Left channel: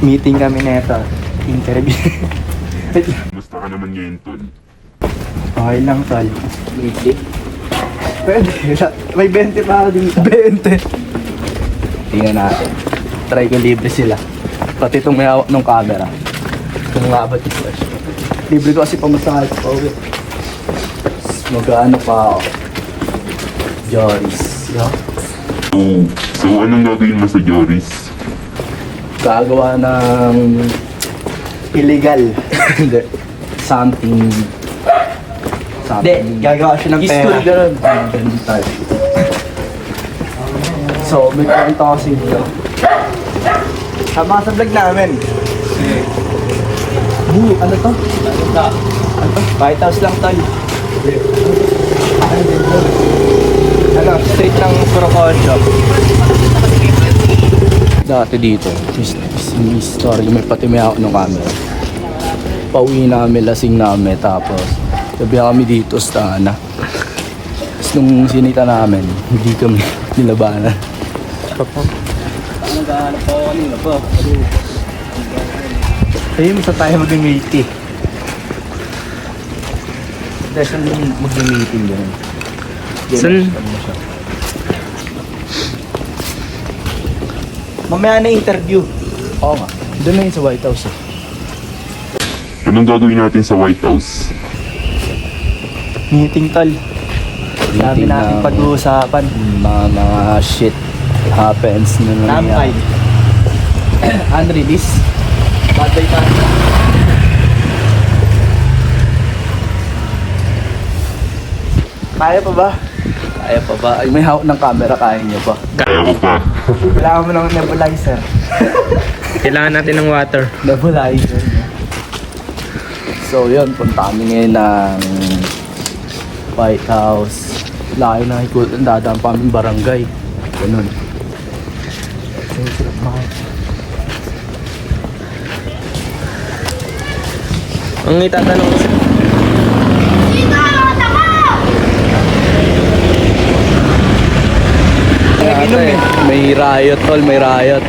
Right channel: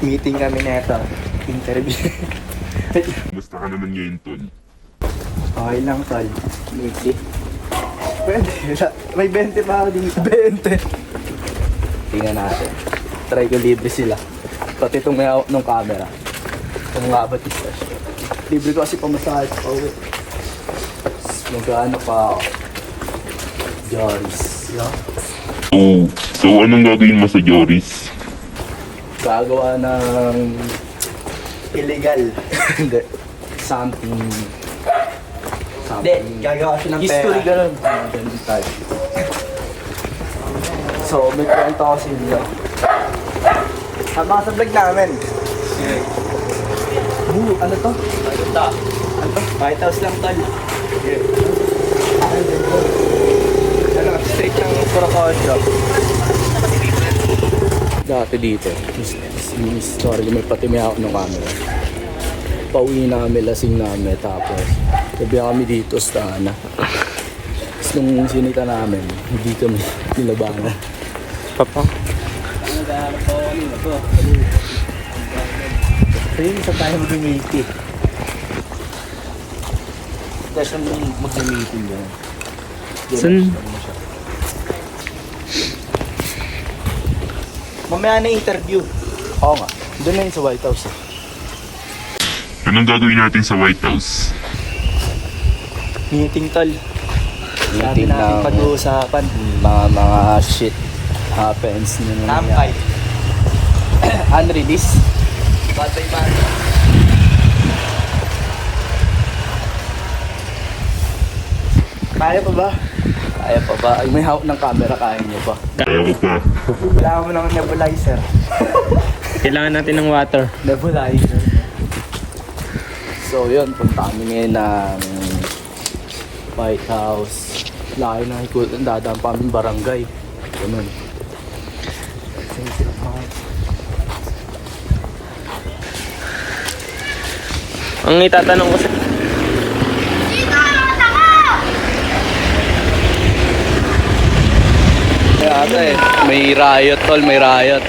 Meeting kami neto. Interview. Gusto ka naman ngayon, Tol? Okay lang, tol. Meeting. Pwede. May 20 pa ako dito. 20. Tingnan natin. Try ko libre sila. Pati itong may hawak ng camera. Kung nga ba ito. Libre ko kasi pamasahe sa pauwi. Mag-ano pa ako. Joris. Yeah. So anong gagawin mo sa Joris? Gagawa ng Illegal. hindi. Something. Hindi, gagawa siya ng pera. History ganun. Ganun tayo. So, may kwento kasi dito. Sama sa vlog namin. Ano to? Ano to? White House lang, tol. Ano, street ng Procosio. Dati dito. Sorry, may pati may hawak ng camera. Pauwi namin, lasing namin. Tapos, sabi kami dito sa Tana. Tapos nung sinita namin, hindi kami nilabanan. Papa. Nag-aanap ako kanina pa. Ayun, isa tayo mag-meeting. Dahil nung mag-meeting yun. San? Mamaya na interview. Oo nga. Doon na yun sa White House eh. Anong gagawin natin sa White House? Meeting, tol. Sabi Meeting natin na- pag-uusapan. Mga shit happens na nangyari. Unreleased? Batay pa. Kaya pa ba? Kaya pa ba? Ay, may hawak ng camera, kaya niyo pa. Kaya ko pa. Kailangan mo ng nebulizer. Kailangan natin ng water. Nebulizer. So yun, punta kami ngayon ng White House. Laki na ikot, dadaan pa aming barangay. Ganun. Ang itatanong ko sa... Kaya ata eh, may riot tol, may riot.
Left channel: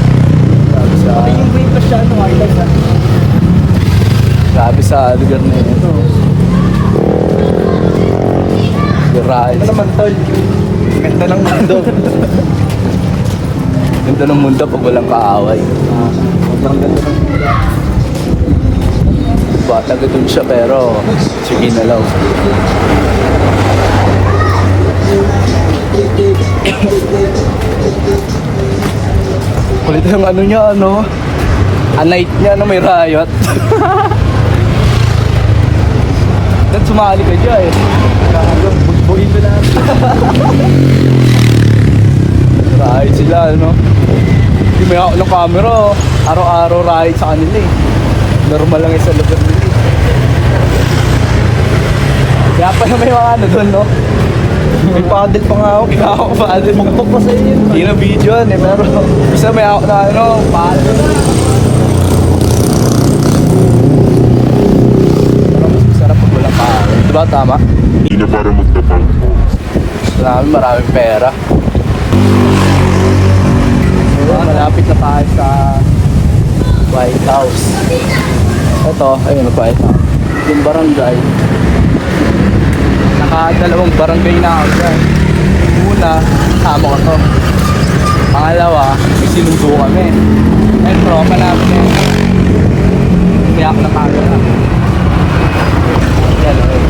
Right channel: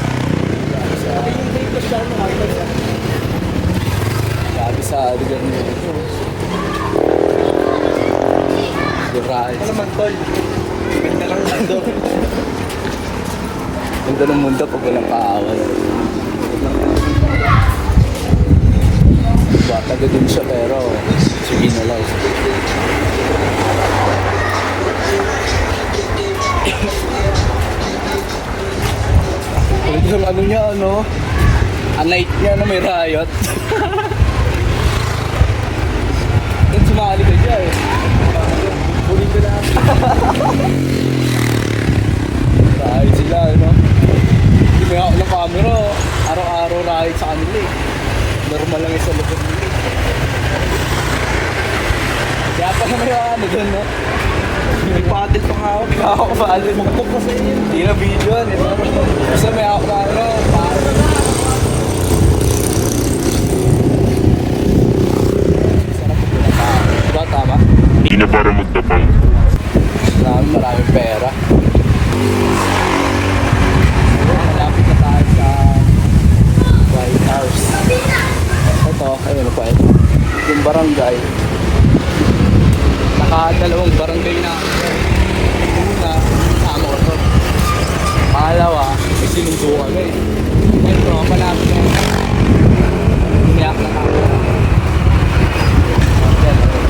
Pati yung vape pa siya, ano, highlight na. Grabe sa lugar na ito. The riot. Ano naman, tol? Ganda ng mundo. Ganda ng mundo pag walang kaaway. Ang ganda ng mundo. Bata doon siya pero sige na lang. Kulit yung ano niya, ano? A night niya, ano, may riot. Then sumali ka dyan eh. Bugbugin ko na. Riot sila, ano? Hindi may ako ng camera. Araw-araw riot sa kanila eh. Normal lang yung sa lugar nila eh. Kaya pa na may mga ano doon, no? May paddle pa nga ako. Kaya ako paddle. Magpok pa sa iyo. Hindi na video yan eh, pero basta may ako na ano, paddle. Sarap pag wala pa. Diba tama? Hindi na para magtapang. Maraming pera. So, malapit na tayo sa White House. Ito, ayun ang White House. Yung barangay. Nakadalawang barangay na ako dyan. Una, kasama ko to. Pangalawa, may sinundo kami. Ngayon, tropa namin na yun. Umiyak na camera. Yan, ayun.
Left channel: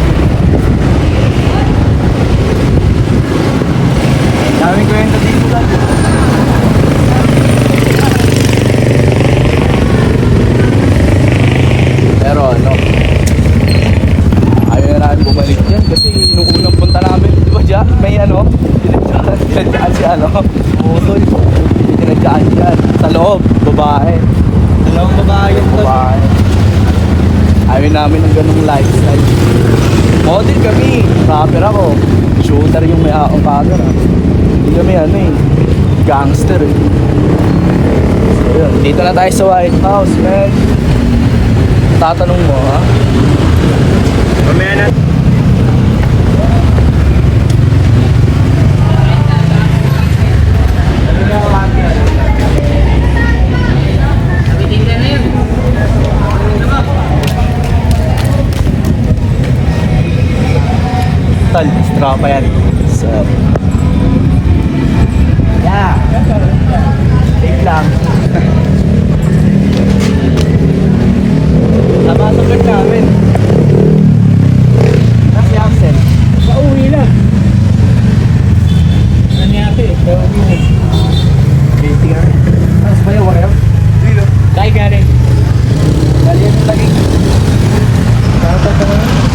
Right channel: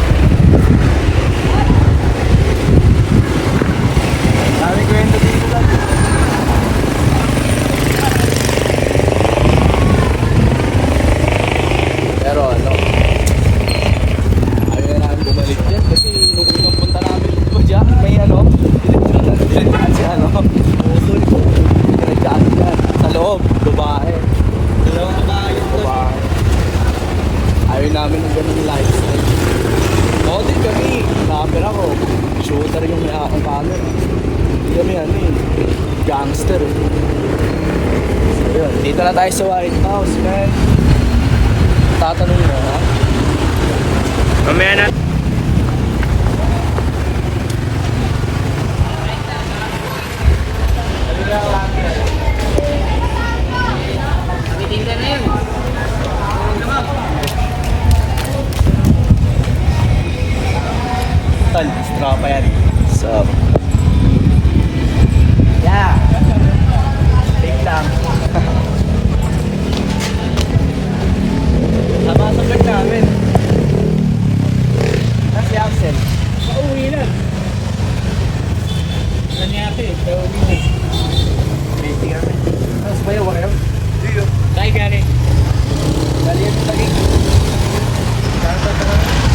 Daming kwento dito lang. Pero ano, ayaw na namin bumalik dyan kasi nung unang punta namin, di ba dyan, may ano, pinagdaan si ano, utol, pinagdaan dyan, sa loob, babae, Dalawang babae yun, tol. babae. Ayaw namin ng ganung lifestyle. Model kami, rapper ako, shooter yung may akong camera. Hindi kami ano eh, gangster eh. Yun, dito na tayo sa White House, man. Tatanong mo, ha? Mamaya na. Tol, tropa yan. Sup? Yeah. Take lang. Napasapit namin. Si Axel. Pauwi na. Nangyari, pauwi na. Waiting kami. Tapos ba yung wakayo? Dito. Kaya gani. Dali yan lagi.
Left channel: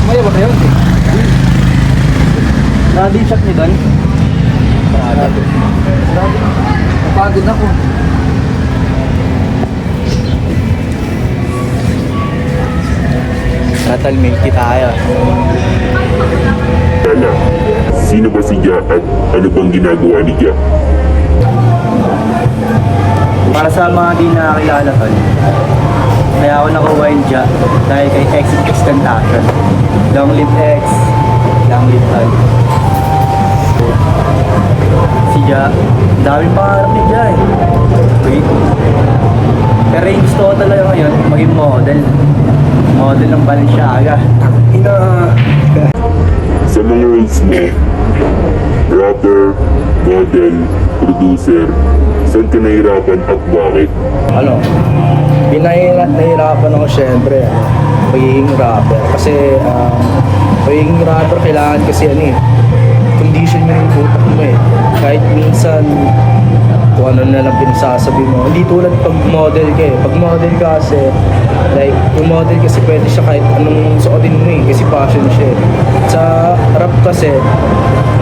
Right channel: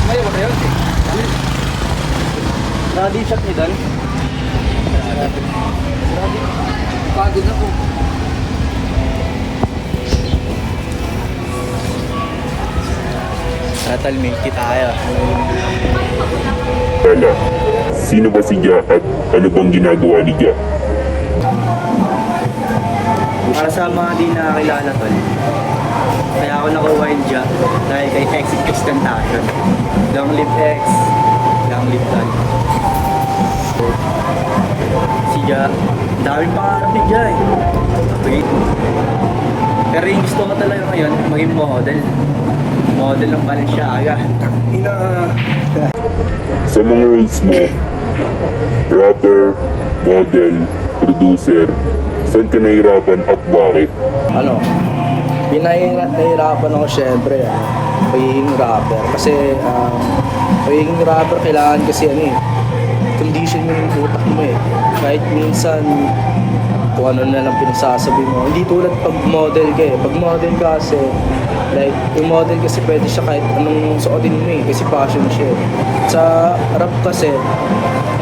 May wakayo? Ready shot niyo doon? Grabe. Napagod ako. Natal milky tayo. Tala, sino ba si Gia at ano bang ginagawa ni Gia? Para sa mga di nakakilala tol, kaya ako nakuha yung Gia dahil kay Exit Extentation. Long live X, long live tol. Si Gia, daming pangarap ni Gia eh. Wait. Pero yung gusto ko talaga ngayon, maging model. Model ng Balenciaga. Ina. Sa mga roles mo, rapper, model, producer, saan ka nahirapan at bakit? Ano, nahihirapan ako syempre, pagiging rapper. Kasi, pagiging rapper kailangan kasi condition mo yung utak mo eh. Kahit minsan, kung ano na lang pinagsasabi mo. Hindi tulad pag model ka eh. Pag model ka kasi, like, yung model kasi pwede siya kahit anong suotin mo eh. Kasi passion siya eh. Sa rap kasi,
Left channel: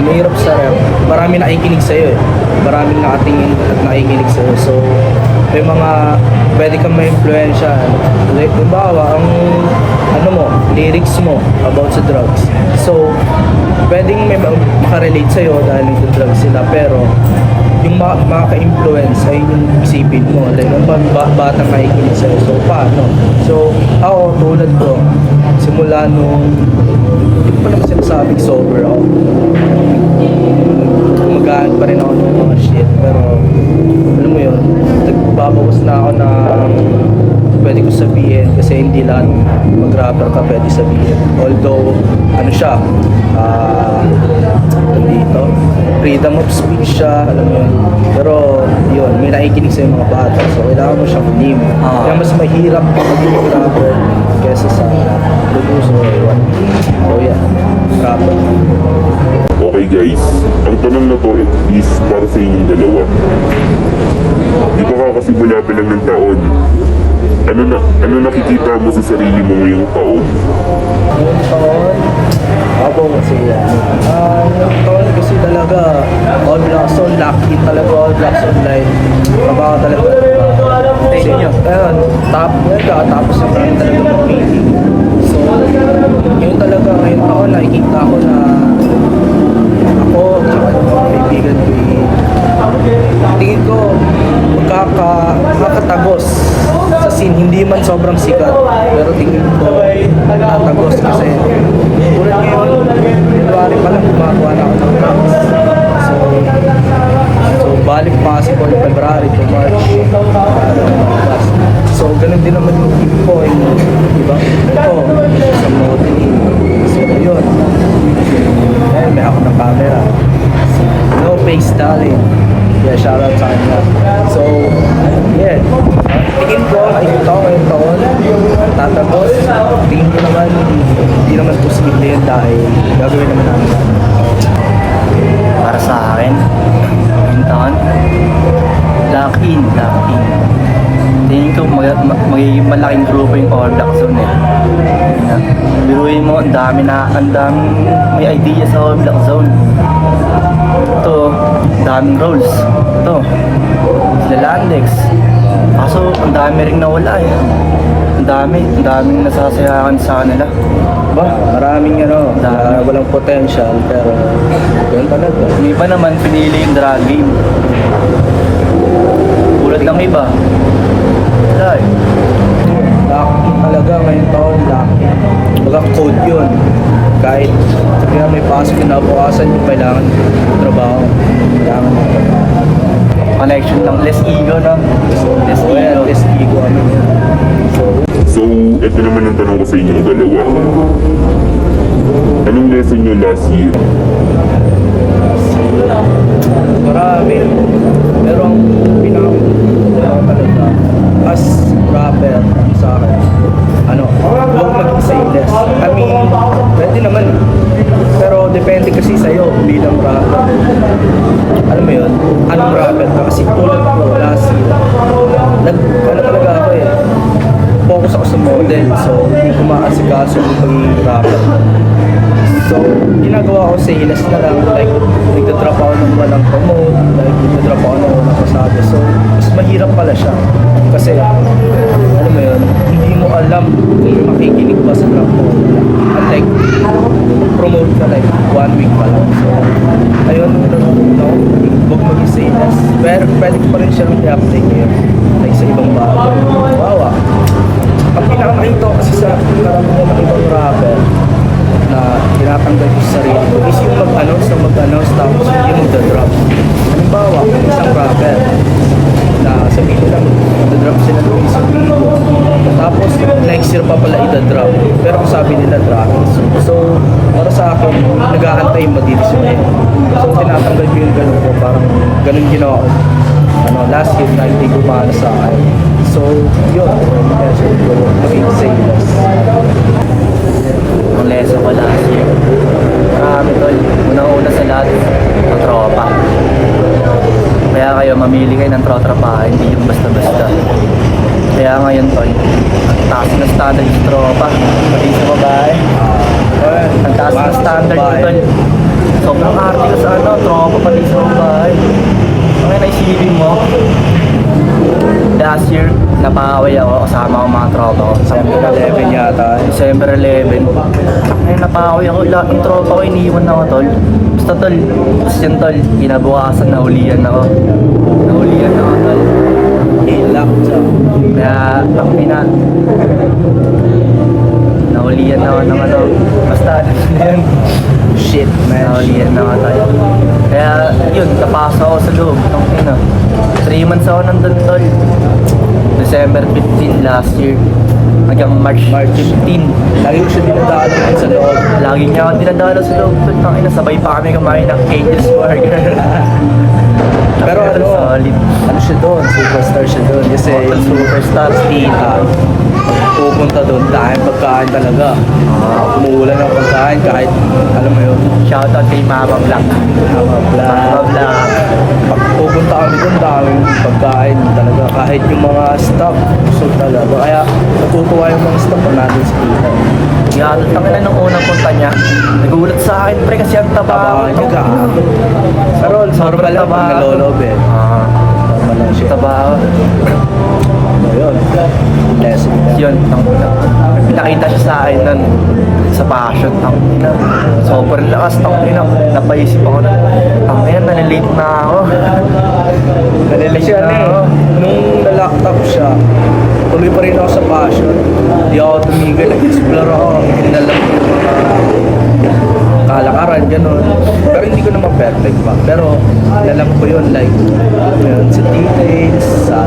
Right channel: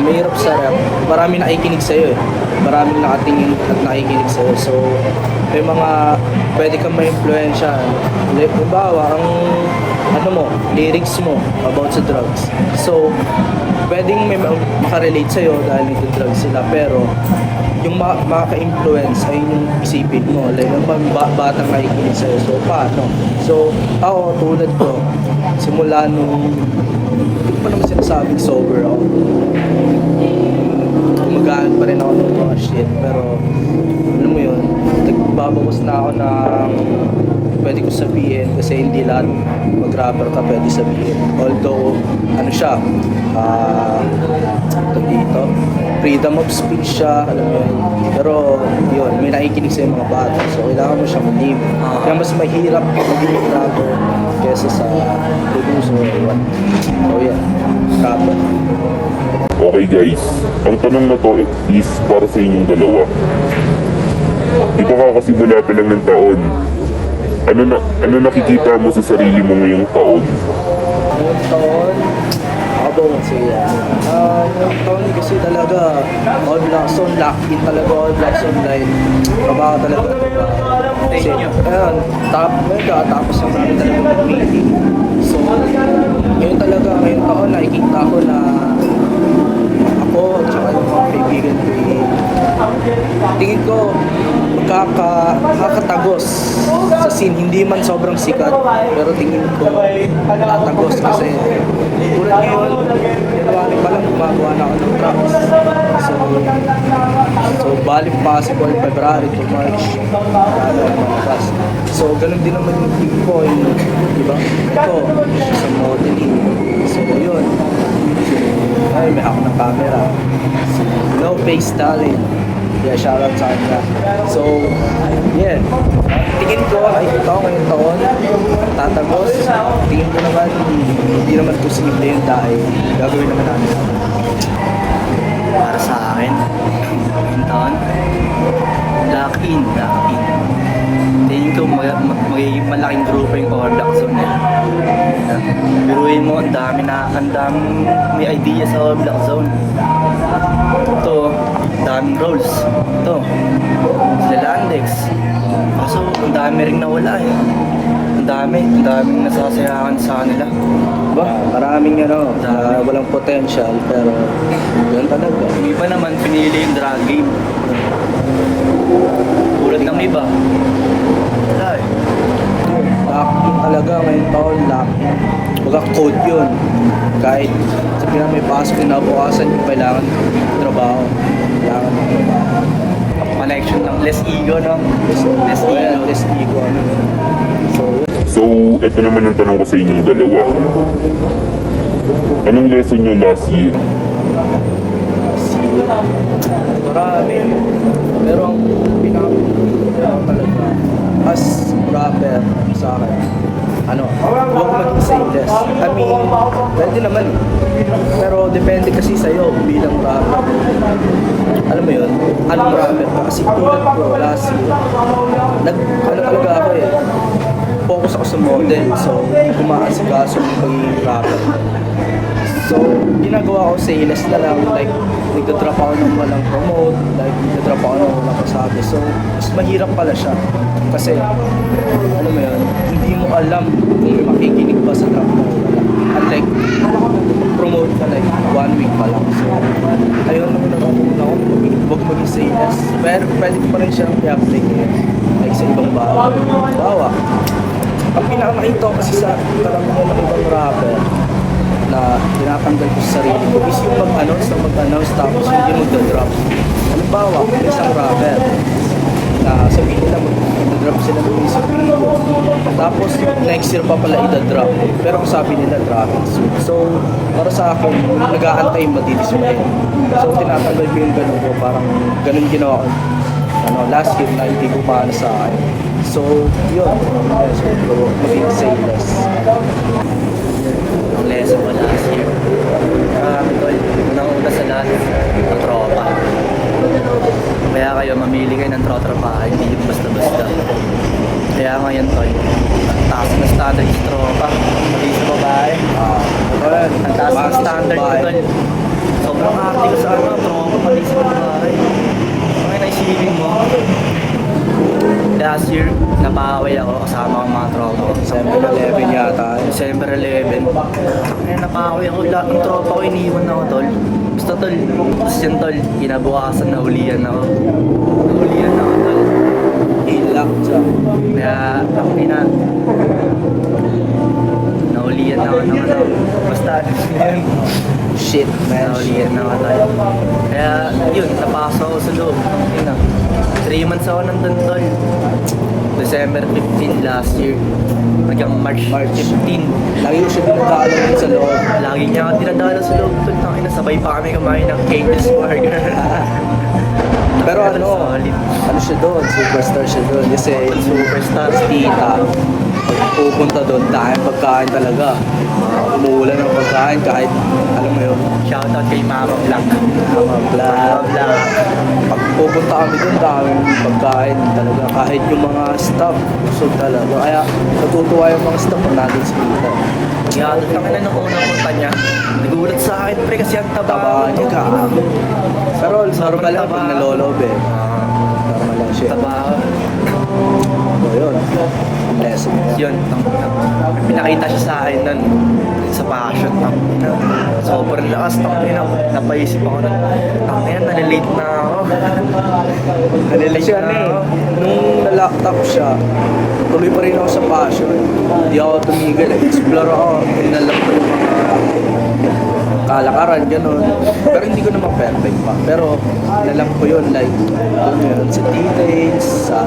mahirap sa rap. Marami nakikinig sa'yo eh. Maraming nakatingin at nakikinig sa'yo. So, may mga pwede kang ma-influensya. Like, halimbawa, ang lyrics mo about sa drugs. So, pwedeng may makarelate sa'yo dahil nagda-drugs sila. Pero, yung makaka-influence ay yung isipin mo. Like, ang batang nakikinig sa'yo. So, paano? So, ako, tulad ko, simula nung, hindi pa naman sinasabing sober ako. Magaan pa rin ako ng mga shit. Pero, alam mo yun, nagbabawas na ako ng pwede ko sabihin kasi hindi lahat mag-rapper ka pwede sabihin. Although, dito, freedom of speech siya, alam mo yun. Pero, yun, may nakikinig sa mga bata. So, kailangan mo siyang limit. Kaya mas mahirap maging rapper kesa sa producer or what. So, yeah, rapper. Okay guys, ang tanong na to is para sa inyong dalawa. Di ba kakasimula pa lang ng taon? Ano nakikita mo sa sarili mo ngayong taon? Ngayong taon, kasi ngayong taon kasi talaga All Black Zone, lock-in talaga All Black Zone line. Trabaho talaga. Kasi ngayon, tapos na namin talaga mag-meeting. So, ngayon talaga, ngayong taon nakikita ko na ako at saka yung mga kaibigan ko tingin ko makakatagos sa scene. Hindi man sobrang sikat, pero tingin ko tatagos kasi tulad ngayon, January pa lang gumagawa na ako ng tracks. So balik possible February to March, marami akong malabas. So ganun din naman yung team ko, diba? Ito, sa modeling. So yun, may ako ng camera. No Face Talent. Yeah, shoutout sa kanya. So, yeah. Tingin ko, nakikita ko ngayong taon, tatagos. Tingin ko naman, hindi naman posible yun dahil gagawin naman namin. Para sa akin, ngayong taon, lock-in. Tingin ko magiging malaking grupo yung All Black Zone eh. Biruin mo, ang daming may idea sa All Black Zone. Ito, daming roles. Ito, Lalandex. Kaso, ang dami rin nawala eh. Ang daming nasasayakan sa kanila. Maraming walang potential, pero yun talaga. May iba naman pinili yung drag game. Tulad ng iba. Wala eh. Lucky talaga ngayong taon, lucky. Baga code yun. Kahit sabi nga may pasok na bukasan, kailangan trabaho. Kailangan ng trabaho. Connection ng less ego, no? Less ego. Less ego, ano yun. So, ito naman ang tanong ko sa inyong dalawa. Anong lesson nyo last year? Marami. Pero ang talaga, as rapper sa akin, huwag mag-say-less. I mean, pwede naman. Pero depende kasi sa'yo bilang rapper. Alam mo yun, anong rapper ka? Kasi tulad ko, last year, talaga ako eh. Focus ako sa model, so hindi ko maasikaso yung pagiging rapper. So, ginagawa ko sales na lang, like, nagka-drop ako ng walang promote, like, nagka-drop ako ng walang pasabi. So, mas mahirap pala siya. Kasi, alam mo yun, hindi mo alam kung makikinig pa sa drop mo. Unlike, promote ka like 1 week pa lang. So, ayun, nanonood ako, huwag maging sales. Pero, pwede ko pa rin siyang i-apply ngayon. Like, sa ibang bagay. Bawa. Ang pinakamahito kasi sa karamihan ng ibang rapper, na tinatanggal ko sa sarili ko is yung mag-announce tapos hindi magda-drop. Halimbawa, isang rapper na sabihin nila magda-drop sila ng isang video tapos next year pa pala i-drop pero ang sabi nila dropping soon. So para sa akin nag-aantay matitisuhin, so tinatanggal ko yung ganun ko, parang ganun ginawa ko last year na hindi gumana sa akin. So yun, maging sales. Ang lesson ko last year, marami tol. Unang-una sa lahat, ang tropa. Kaya kayo, mamili kayo ng tropa, hindi yung basta-basta. Kaya ngayon tol, ang taas na standard yung tropa. Pati sa babae. Ang taas na standard ko tol. Sobrang arte ko sa tropa pati sa babae. Ngayon naisipin mo, last year, napakaway ako kasama ko mga tropa ko. December 11 yata. December 11. Ngayon napakaway ako. Lahat ng tropa ko iniwan ako, tol. Basta tol, tapos yan tol, kinabukasan nahulihan ako. Nahulihan ako, tol. Ilak siya. Kaya, nahulihan ako ng basta yun. Shit, man. Nahulihan ako, tol. Kaya, yun, napasok ako sa loob. 3 months ako nandun, tol. December 15 last year hanggang March 15. Lagi ko siya dinadalo sa loob. Lagi niya ako dinadalo sa loob. Sabay pa kami kumain ng Cage's Burger. Pero solid. ano siya doon? Superstar siya doon. Kasi Hotel Superstar tita, pupunta doon, pagkain talaga. Umuulan ng pagkain kahit, alam mo yun, Shoutout kay Mama Black. Mama Mama Black. Pag pupunta kami doon, daming pagkain talaga. Kahit yung mga staff, gusto talaga. Kaya natutuwa yung mga staff na natin sa dito. Yatod kami na nung unang punta niya. Nagulat sa akin, pre, kasi ang taba. Niya gaano. Pero normal lang pag nalolob eh. Normal lang siya. Taba. So yun, lesson niya. Yun, pinakita siya sa akin nun sa passion, sobrang lakas, napaisip ako nun, nalilate na ako. Nalilate siya na ako. Nung nalockdown siya, tuloy pa rin ako sa passion. Hindi ako tumigil, nag-explore ako, inalam ko yung mga kalakaran, gano'n. Pero hindi ko naman perfect pa. Pero nalam ko yun, like, alam mo yun, sa details, sa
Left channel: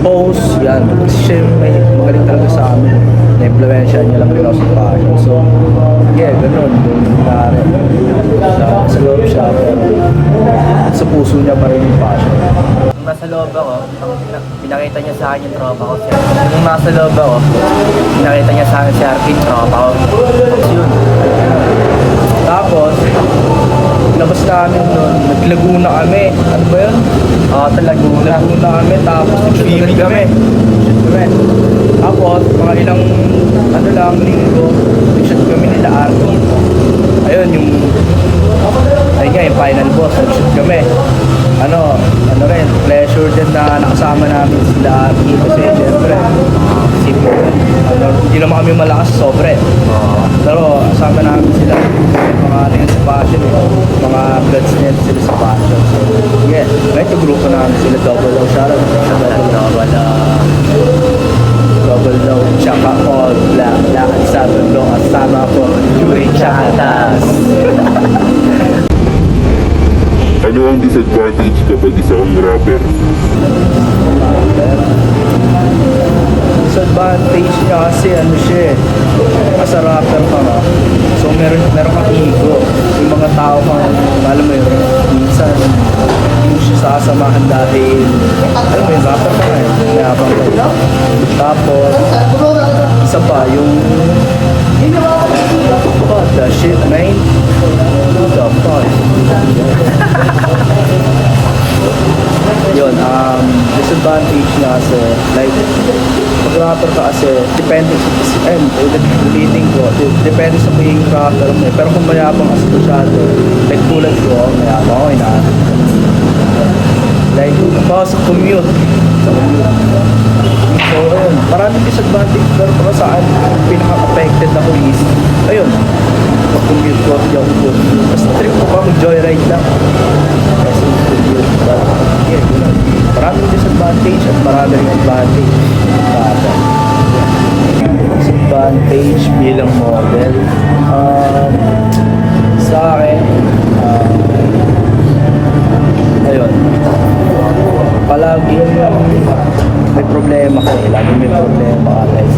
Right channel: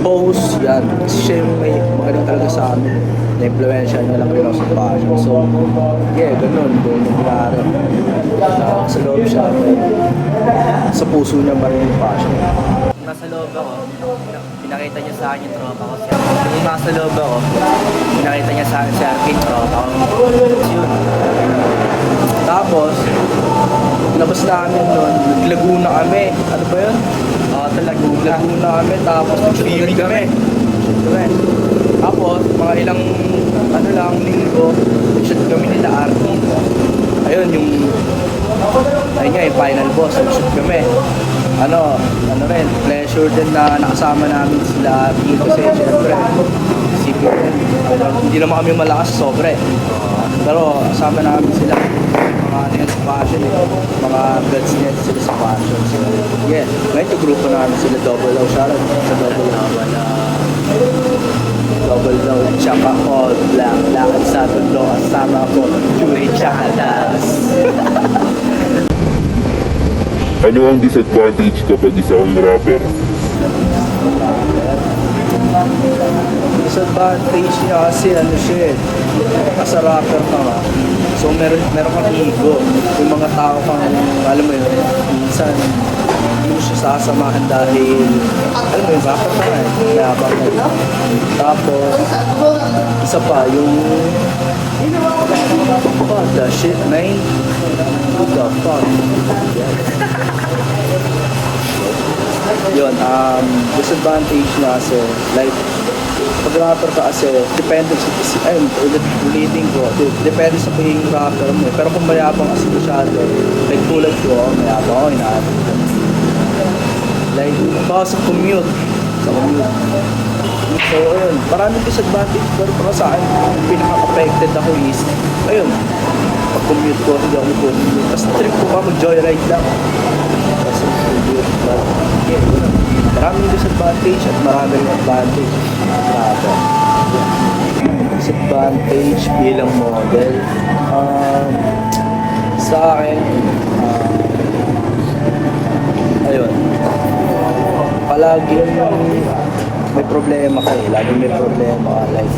post, yan. Kasi siya yung may magaling talaga sa amin. Na-influensya niya lang din ako sa passion. So, yeah, gano'n. Doon nangyari. Sa loob siya, pero sa puso niya pa rin yung passion. Nung nasa loob ako, pinakita niya sa akin yung tropa ko. Nung nasa loob ako, pinakita niya sa akin si Arkin, tropa ko. Tapos yun. Tapos, labas namin nun, naglaguna kami. Ano ba yun? Laguna Kami, tapos nagsusunod kami. Tapos, mga ilang, linggo, nag-shoot kami nila Arkin. Ayun, yung final boss, nag-shoot kami. Rin, pleasure din na nakasama namin sila Arkin kasi syempre, isipin Hindi naman kami malakas sobre. Pero kasama namin sila. Mga nila sa passion eh. Mga bloods nila sila sa passion. So, yeah. Ngayon yung grupo namin sila Double O. Shoutout sa Double O. Double O. Tsaka All Black. Lakad sa Tondo. Asama ko. Yuri Chatas. Ano ang disadvantage kapag isang rapper? Disadvantage niya kasi ano siya eh. As a rapper ka nga. So meron kang ego. Yung mga tao kang, alam mo yun, minsan hindi siya sasamahan dahil, alam mo yun, rapper ka nga eh. Mayabang ka lang. Tapos, isa pa, yung, what the shit, man? What the fuck? Yun, disadvantage niya kasi, like, pag rapper ka kasi, depende, ulitin ko, depende sa pagiging rapper mo eh. Pero kung mayabang kasi masyado, like tulad ko, mayabang ako, inaabot ko. Like, sa commute. So, ayun, maraming disadvantage, pero para sa akin, pinaka-affected ako is, ayun, pag-commute ko, hindi ako commute. Tapos trip ko pa, mag-joyride lang. But, yeah, yun lang. Maraming disadvantage at maraming advantage. Disadvantage bilang model. Sa akin, ayun, palagi may problema ka eh. Lagi may problema ka. Like,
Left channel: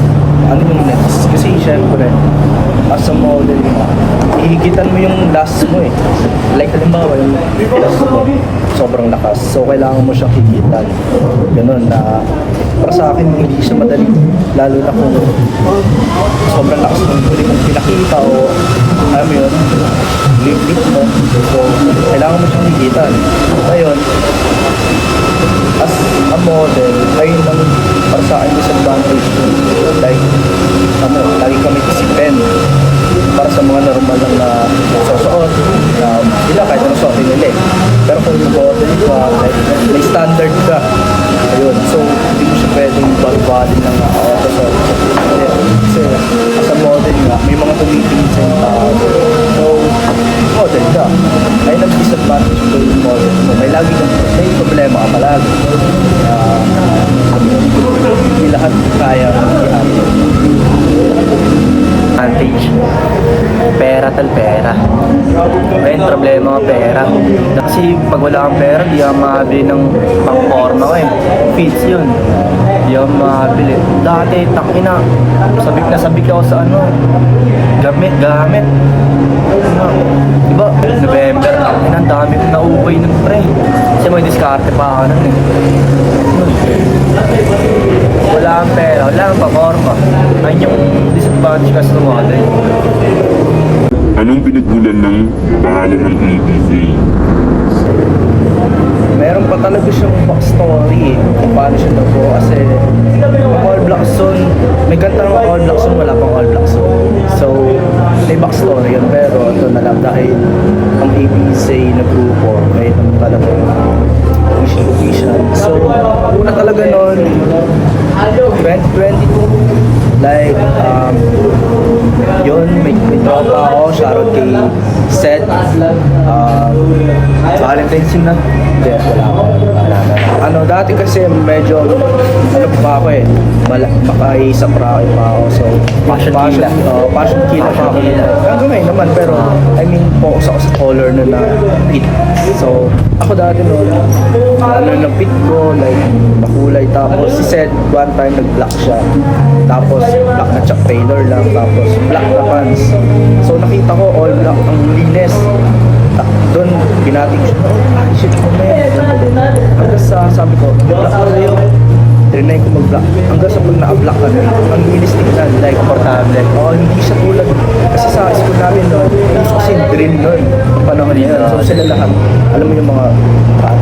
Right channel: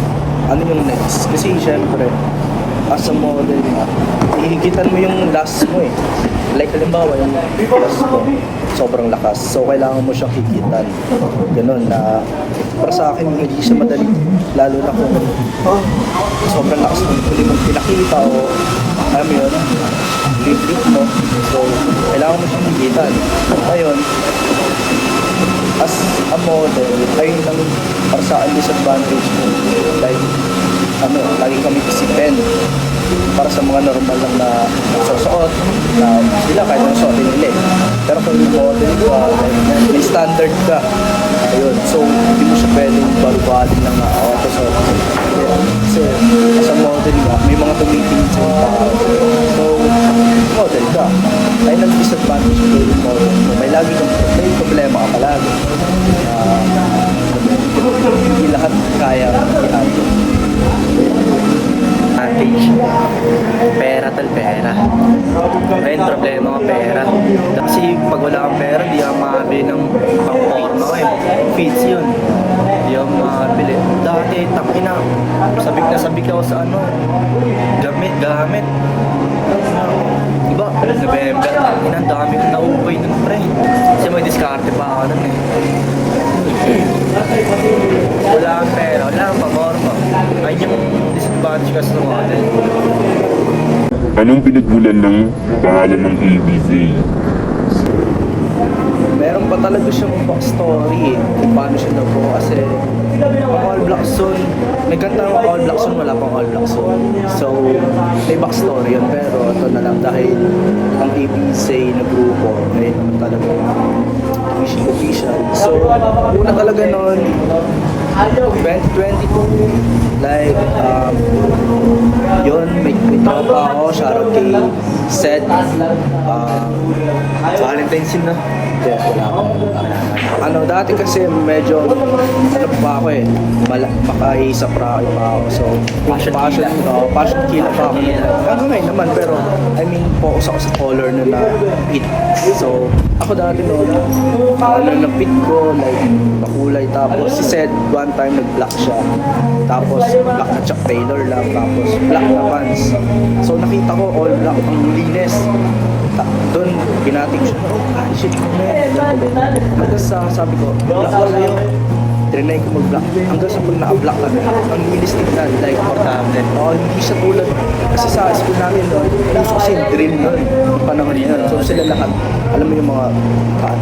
ano yung next? Kasi syempre, as a model nga, hihigitan mo yung last mo eh. Like, halimbawa, yung last mo, sobrang lakas. So, kailangan mo siyang higitan. Ganun na, para sa akin, hindi siya madali. Lalo na kung sobrang lakas ng huli mong pinakita o, alam mo yun, lip mo. So, kailangan mo siyang higitan. Ngayon, as a model, ayun ang para sa akin disadvantage. Like, ano, lagi kami isipin para sa mga normal lang na susuot na sila kahit ano suotin nila eh. Pero kung yung model ka, like, may standard ka, ayun, so hindi mo siya pwedeng barubalin lang na susuot ko. Kasi as a model nga, may mga tumitingin sa yung tao. So, model ka. Ayun ang disadvantage ko yung model mo. May problema ka palagi. Hindi lahat kaya i-handle. Advantage. Pera pera. Ayun, problema nga pera. Kasi pag wala kang pera, di ka makabili ng pang-forma ko eh. Fits yun. Di ka makabili. Dati, takina. Sabik ako sa ano. Gamit. Diba, November, takina, ang dami kong nauubay nun pre. Kasi may diskarte pa ako nun eh. Wala kang pera, wala kang pa-forma. Ayun yung disadvantage kasi ng model. Anong pinagmulan ng pangalan ng ABZ? Meron pa talaga siyang backstory eh, kung paano siya nabuo kasi ang All Black Zone, may kanta ng All Black Zone, wala pang All Black Zone. So, may backstory yun, pero ito na lang dahil ang ABZ na grupo, may naman talaga vision. So, una talaga noon, 2022, like, yun, may tropa ako, shoutout kay Seth, Valentine's na. Yes, wala ako. Ano, dati kasi medyo, ano pa ako eh, makaisap pa ako. So, passion killer pa ako. Hanggang ngayon naman, pero, I mean, focus ako sa color na pit. So, ako dati noon, ano ng pit ko, like, makulay. Tapos, si Seth, one time, nag-black siya. Tapos, black na Chuck Taylor lang. Tapos, black na pants. So, nakita ko, all black ang linis. Doon, binating siya, shit mo man, hanggang sa sabi ko, black na kayo. Trinay ko mag-black. Hanggang sa pag na-black ka na, ang bilis tignan, like, komportable. Oo, hindi siya tulad. Kasi sa school namin noon, kasi drill noon, panahon yun. So sila lahat, alam mo yung mga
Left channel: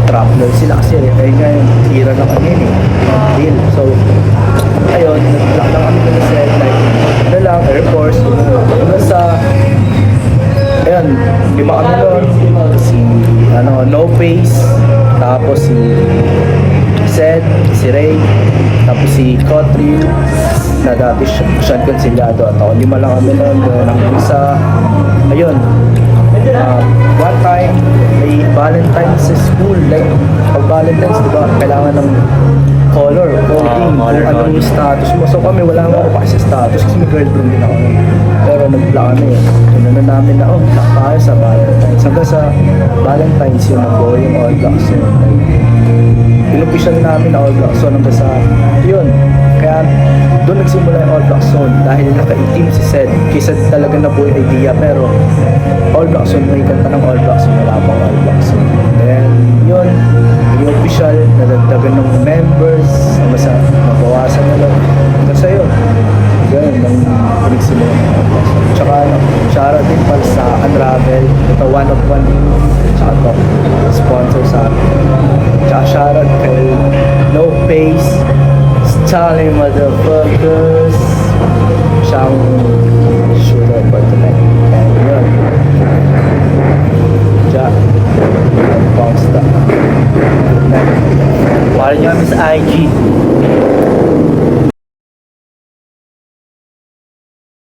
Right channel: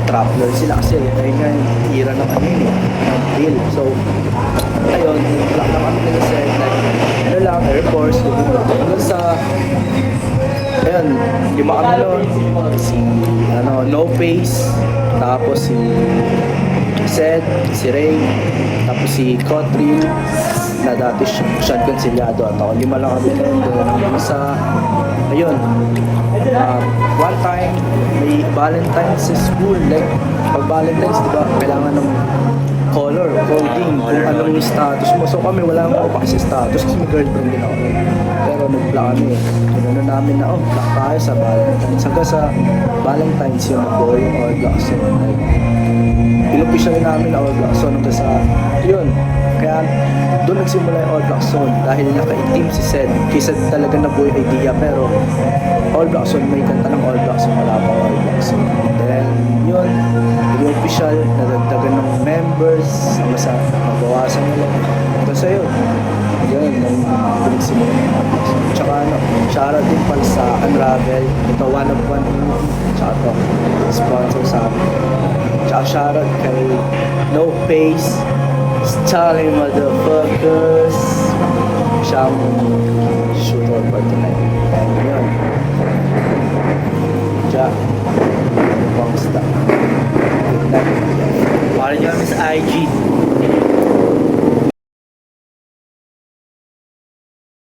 traveler, sila kasi, ay nga yung tira ng ano yun eh, drill. So, ayun, nag-black lang kami nila set, like, ano lang, Air Force, hanggang sa, ayun, lima kami noon, No Face, tapos si Seth, si Ray, tapos si Kotrin, na dati siyang konsilyado at ako. 5 lang kami noon, doon ang isa. Ayun, one time, may Valentine's sa school. Like, pag Valentine's, di ba, kailangan ng color, coding, color kung anong coding. status mo. So kami, wala naman ako pa sa status kasi may girlfriend din ako nun. Pero nag-block kami. Tinanong namin na, block tayo sa Valentine's. Hanggang sa Valentine's yun, nag-go yung All Blacks yun. Inofficial namin na All Blacks Zone hanggang sa, yun. Kaya doon nagsimula yung All Blacks Zone dahil naka-team si Sed. Kisa talaga nabuo yung idea, pero All Blacks Zone, may kanta ng All Blacks Zone, wala pang All Blacks Zone. Then, yun, yung official, nadagdagan ng members, hanggang sa nabawasan na lang. Hanggang sa yun, ganun, nang pinagsimulan ng All Blacks Zone. Tsaka, shoutout din pala sa Unravel, ito one of one, tsaka to, sponsor sa amin. Tsaka shoutout kay No Face, Charlie Motherfuckers, siyang shooter for tonight. Ayan, yun. Siya, ang pangsta. Good night. Follow nyo kami sa IG.